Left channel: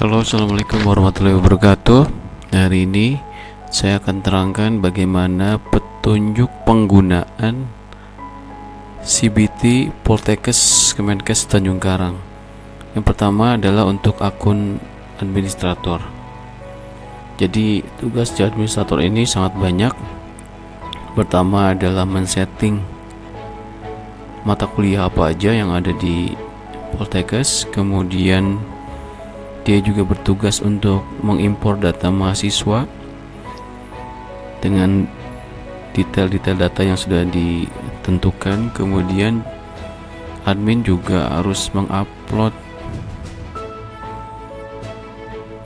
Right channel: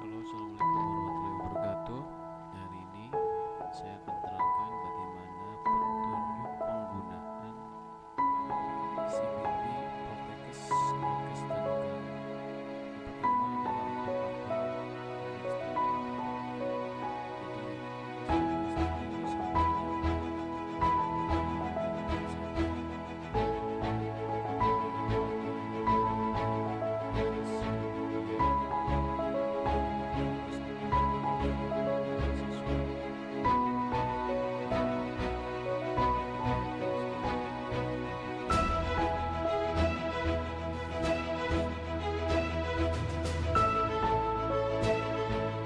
Halo, assalamualaikum warahmatullahi wabarakatuh. Hari ini saya akan terangkan bagaimana petunjuk penggunaan CBT Poltekkes Kemenkes Tanjung Karang. Yang pertama adalah untuk akun administrator. Jadi tugas di administrator ini sangat banyak. Pertama adalah men-setting mata kuliah apa aja yang ada di Poltekkes, kemudian dia juga bertugas untuk mengimpor data mahasiswa dengan detail-detail data yang sudah ditentukan. Kemudian admin juga harus mengupload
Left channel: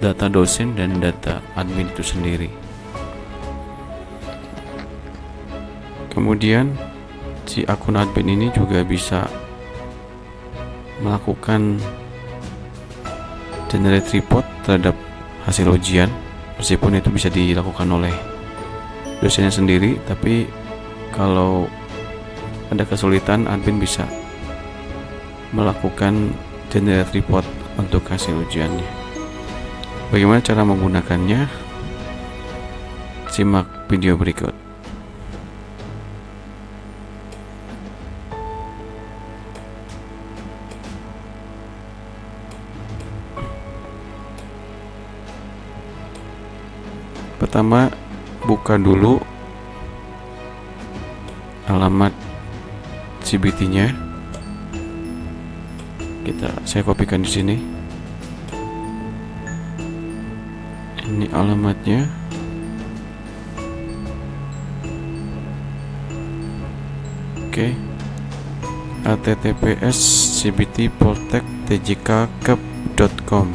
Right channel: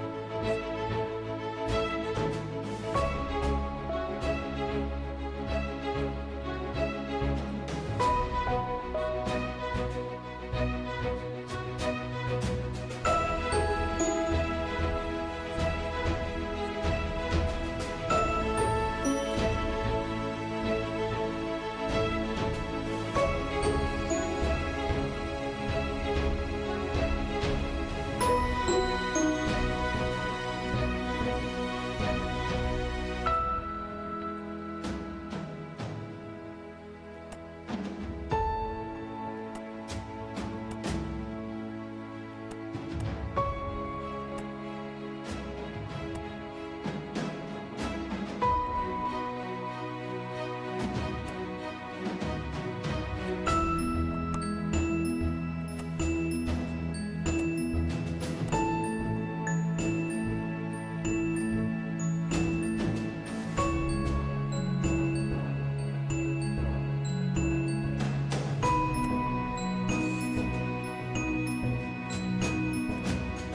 data dosen dan data admin itu sendiri. Kemudian si akun admin ini juga bisa melakukan generate report terhadap hasil ujian, meskipun itu bisa dilakukan oleh dosennya sendiri, tapi kalau ada kesulitan admin bisa melakukan generate report untuk hasil ujiannya. Bagaimana cara menggunakannya? Simak video berikut. Pertama, buka dulu alamat CBT-nya. Saya kopikan di sini. Ini alamatnya. Oke. https cbtpoltek.tjkkep.com.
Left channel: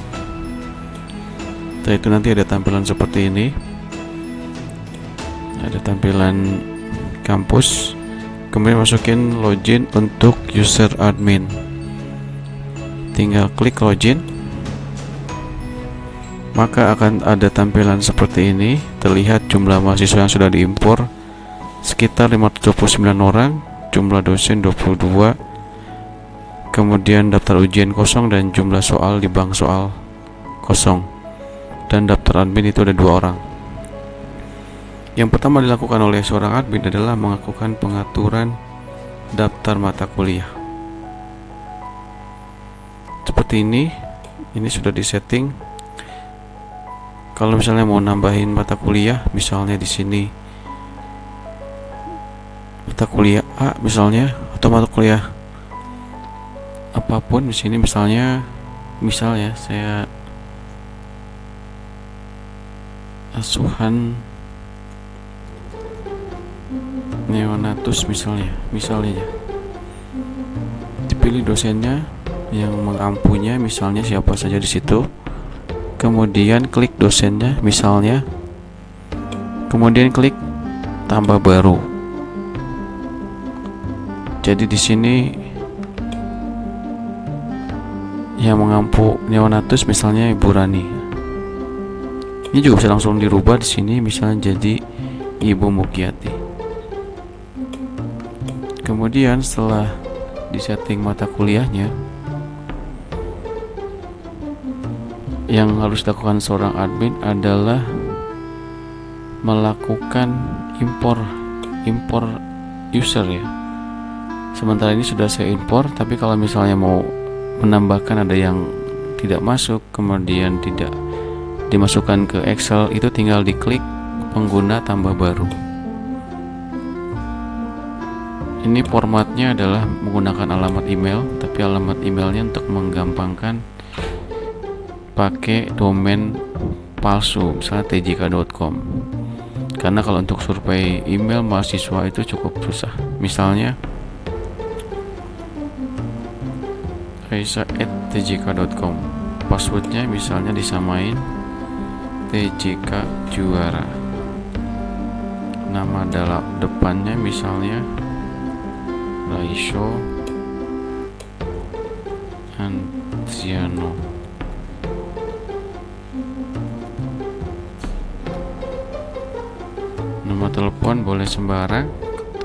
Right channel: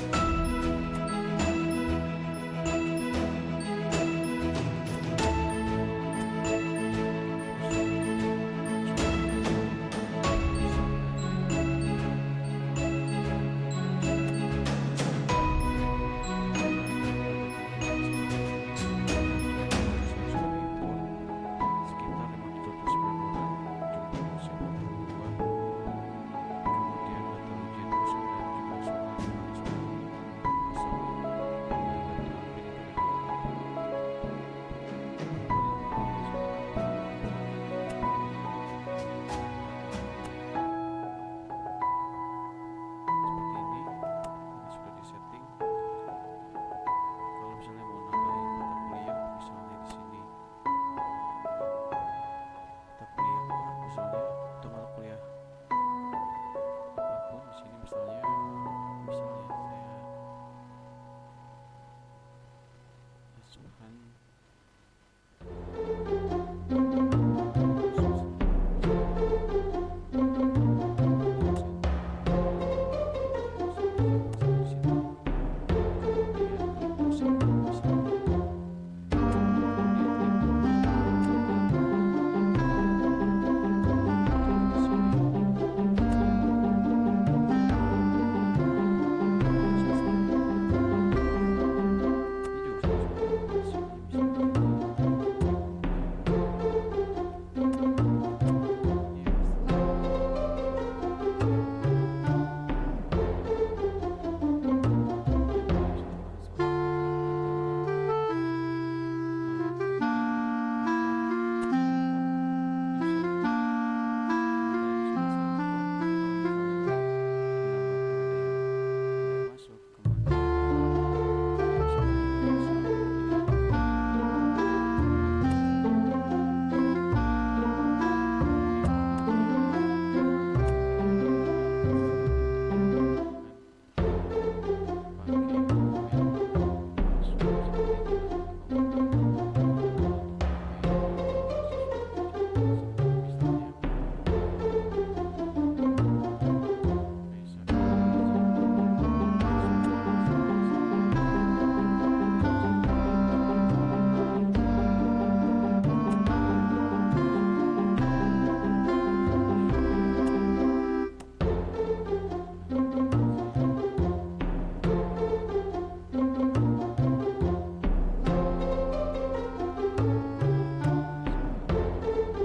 Setelah itu nanti ada tampilan seperti ini. Ada tampilan kampus, kemudian masukin login untuk user admin. Tinggal klik login, maka akan ada tampilan seperti ini. Terlihat jumlah mahasiswa yang sudah diimpor sekitar 529 orang, jumlah dosen 22, kemudian daftar ujian kosong dan jumlah soal di bank soal kosong, dan daftar admin itu ada 2 orang. Yang pertama dilakukan oleh seorang admin adalah melakukan pengaturan daftar mata kuliah. Seperti ini sudah disetting. Kalau misalnya mau nambahin mata kuliah, misalnya di sini mata kuliah A misalnya, atau mata kuliah apapun di sini, misalnya saya asuhan neonatus misalnya ya. Dipilih dosennya yang mengampunya, misalnya siapa saja di situ. Kemudian klik dosennya misalnya. Kemudian klik tambah baru. Jadi di sini yang mengampu neonatus misalnya Ibu Rani. Ini juga bisa langsung dirubah di sini, misalnya jadi Ibu Mugyati. Kemudian setelah disetting mata kuliahnya, yang harus dilakukan seorang admin adalah melakukan impor user ya. Sementara ini sudah saya impor, tapi kalau misalnya mau menambahkan ada yang tidak masuk, kemudian tidak dimasukkan ke Excel, itu tinggal diklik pengguna tambah baru. Ini formatnya adalah menggunakan alamat email, tapi alamat emailnya untuk menggampangkan pakai domain palsu, misalnya tjk.com. Karena kalau untuk survei email mahasiswa itu cukup susah. Misalnya raisa@tjk.com, passwordnya misalnya disamain TJK Juara, nama dalam depannya misalnya Raiso Anziano. Nomor telepon boleh sembarang.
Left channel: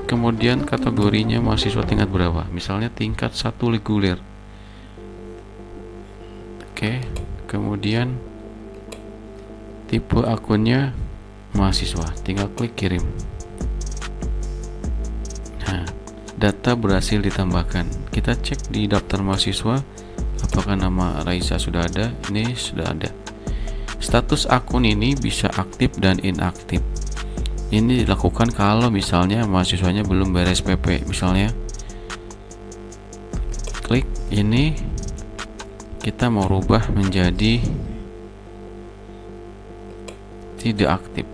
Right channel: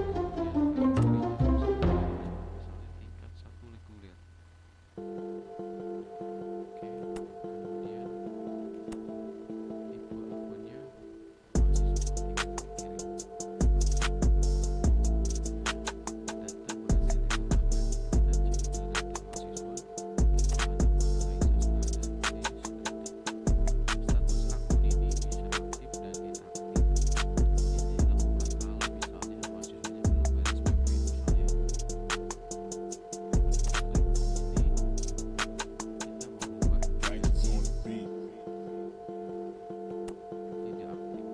Kemudian kategorinya mahasiswa tingkat berapa, misalnya tingkat 1 reguler. Oke, kemudian tipe akunnya mahasiswa, tinggal klik kirim. Nah, data berhasil ditambahkan. Kita cek di daftar mahasiswa apakah nama Raisa sudah ada. Ini sudah ada. Status akun ini bisa aktif dan inaktif. Ini dilakukan kalau misalnya mahasiswanya belum beres PP. Misalnya klik ini, kita mau rubah menjadi tidak aktif.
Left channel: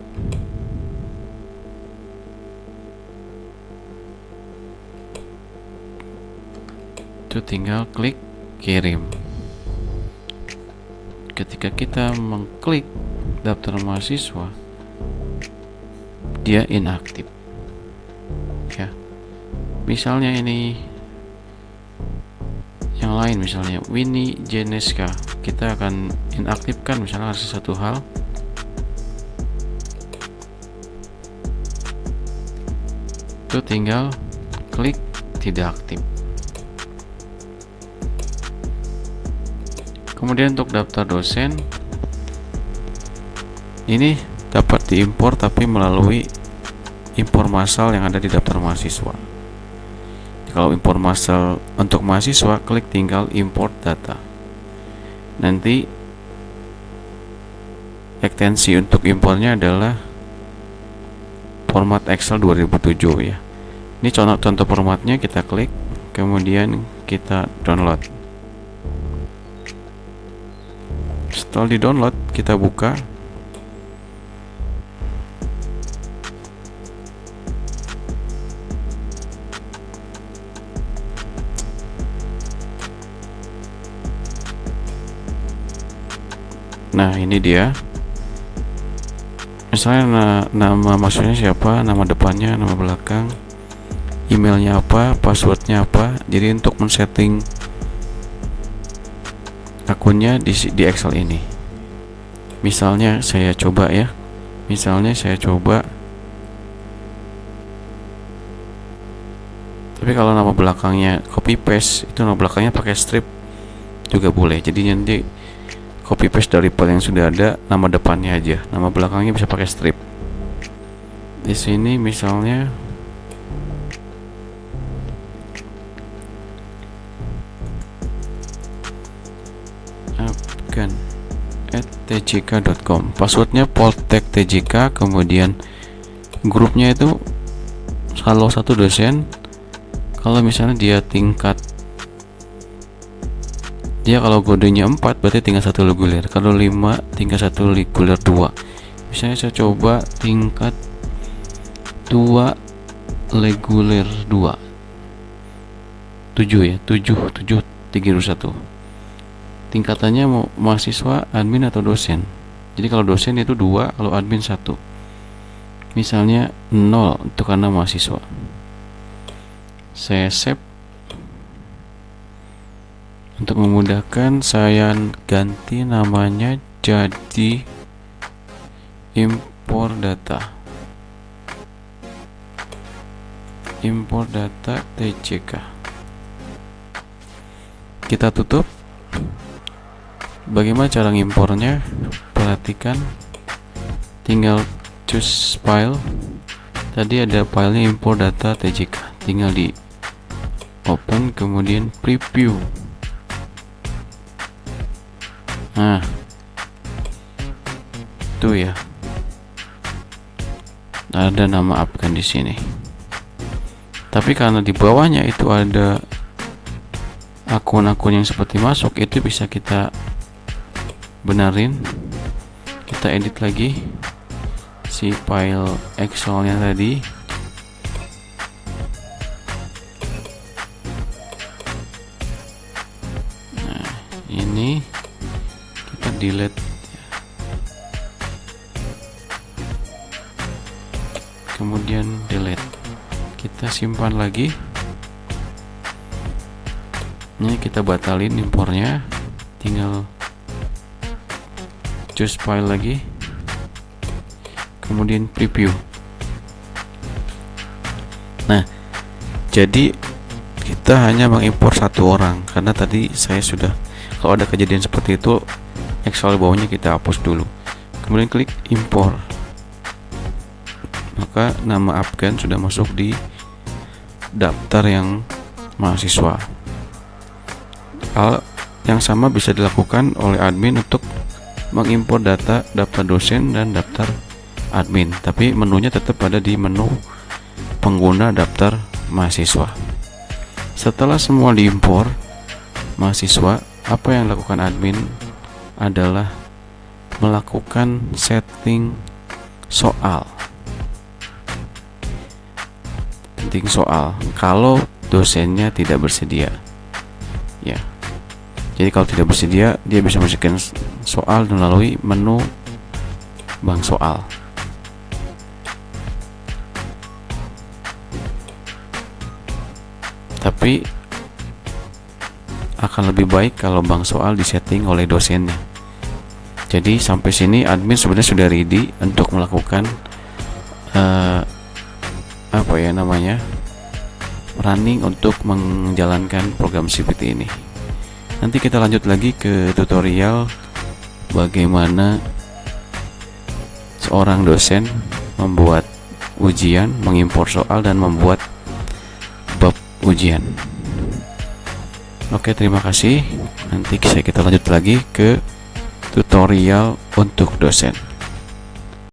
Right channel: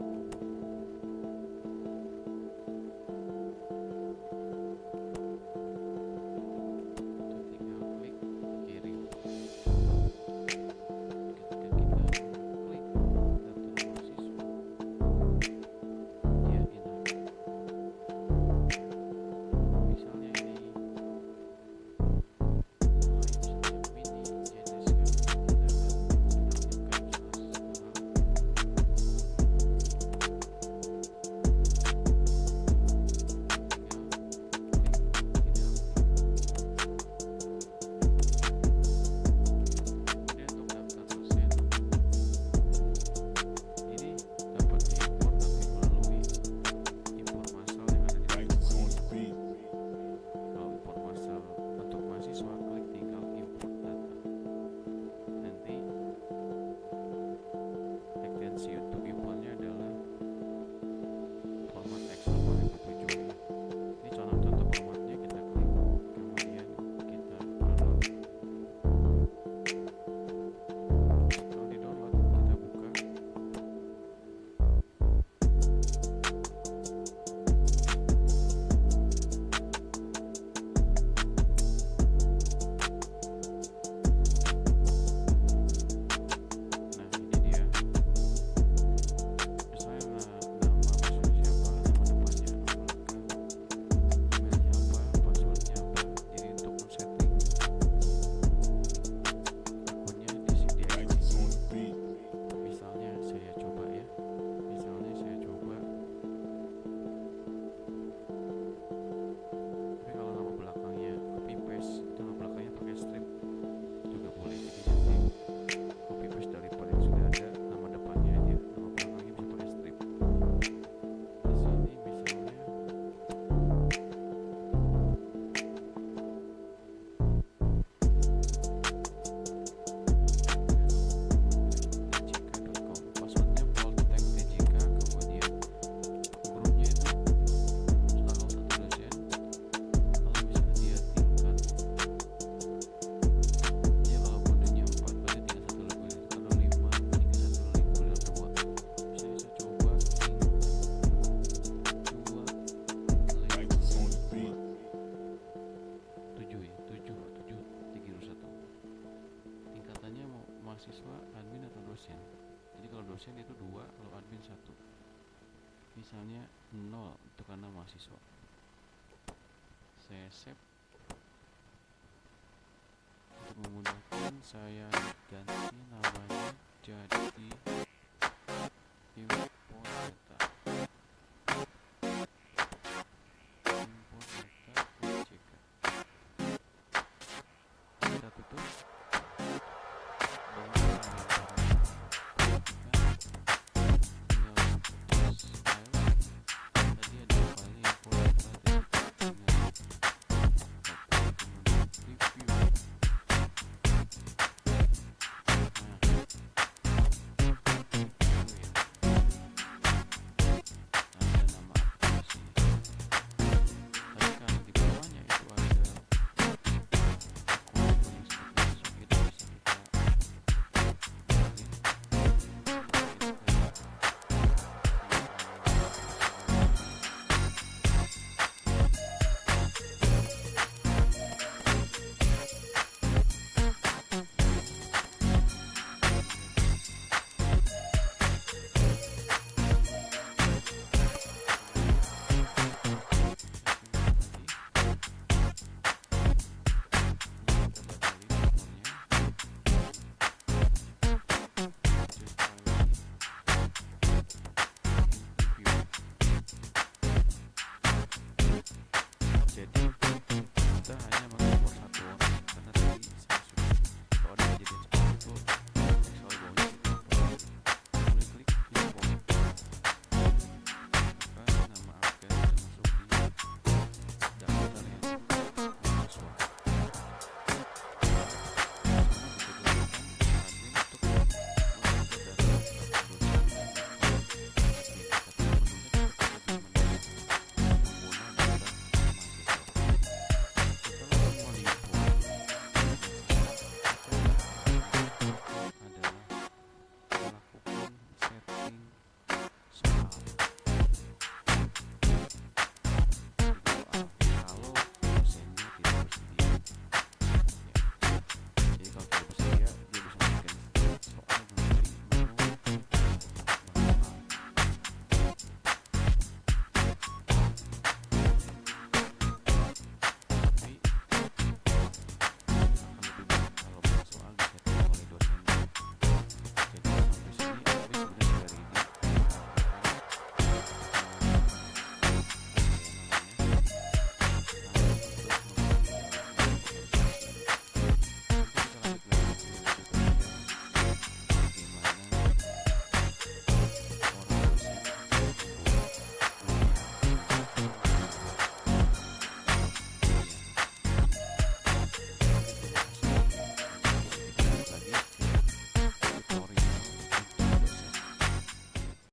Itu tinggal klik kirim. Ketika kita mengklik daftar mahasiswa, dia inaktif. Ya. Misalnya ini yang lain, misalnya Winnie Jeneska, kita akan inaktifkan misalnya satu hal. Itu tinggal klik tidak aktif. Kemudian untuk daftar dosen, ini dapat diimpor tapi melalui impor massal yang ada di daftar mahasiswa. Kalau impor massal untuk mahasiswa, klik tinggal import data. Nanti ekstensi untuk impornya adalah format Excel 2007 ya. Ini contoh formatnya, kita klik, kemudian kita download. Setelah di download, kita buka. Nah, ini dia. Misalnya nama maksudnya siapa, nama depannya, nama belakang, emailnya apa, passwordnya apa. Jadi untuk men-setting akunnya di Excel ini. Misalnya saya coba ya. Tapi kalau nama belakangnya copy paste, itu nama belakangnya pakai strip juga boleh. Jadi nanti copy paste dari file yang sudah ada, nama depannya aja, nama belakangnya bisa pakai strip. Di sini misalnya tjk.com, passwordnya poltek tjk, kemudian grupnya itu salah satu dosen. Kalau misalnya dia kalau kodenya 4 berarti tinggal 1 reguler, kalau 5 tinggal 1 reguler 2. Misalnya saya coba tingkat 2 reguler 2, 7 ya, 7 321. Tingkatannya mau mahasiswa, admin atau dosen. Jadi kalau dosen itu 2, kalau admin 1. Misalnya 0 itu karena mahasiswa. Saya save. Untuk memudahkan, saya ganti namanya jadi impor data TJK. Kita tutup. Bagaimana cara ngimpornya? Perhatikan, tinggal choose file. Tadi ada filenya import data TJK, tinggal di open, kemudian preview. Nah, itu ya, ada nama apkan di sini. Tapi karena di bawahnya itu ada akun-akun yang seperti masuk, itu bisa kita benerin. Kita edit lagi si file Excelnya tadi. Nah, ini kita delete. Kemudian delete. Kita simpan lagi. Ini kita batalin impornya. Tinggal choose file lagi, kemudian preview. Nah, jadi kita hanya mengimpor 1 orang karena tadi saya sudah, Kalau ada kejadian seperti itu, Excel bawahnya kita hapus dulu. Kemudian klik impor. Maka nama absen sudah masuk di daftar yang mahasiswa. Hal yang sama bisa dilakukan oleh admin untuk mengimpor data daftar dosen dan daftar admin, tapi menunya tetap ada di menu pengguna daftar mahasiswa. Setelah semua diimpor mahasiswa, apa yang dilakukan admin adalah melakukan setting soal. Setting soal kalau dosennya tidak bersedia. Ya. Jadi kalau tidak bersedia, dia bisa masukkan soal melalui menu bank soal. Tapi akan lebih baik kalau bank soal disetting oleh dosennya. Jadi sampai sini admin sebenarnya sudah ready untuk melakukan running untuk menjalankan program CPT ini. Nanti kita lanjut lagi ke tutorial bagaimana seorang dosen membuat ujian, mengimpor soal dan membuat bab ujian. Oke, terima kasih. Nanti kita lanjut lagi ke tutorial untuk dosen.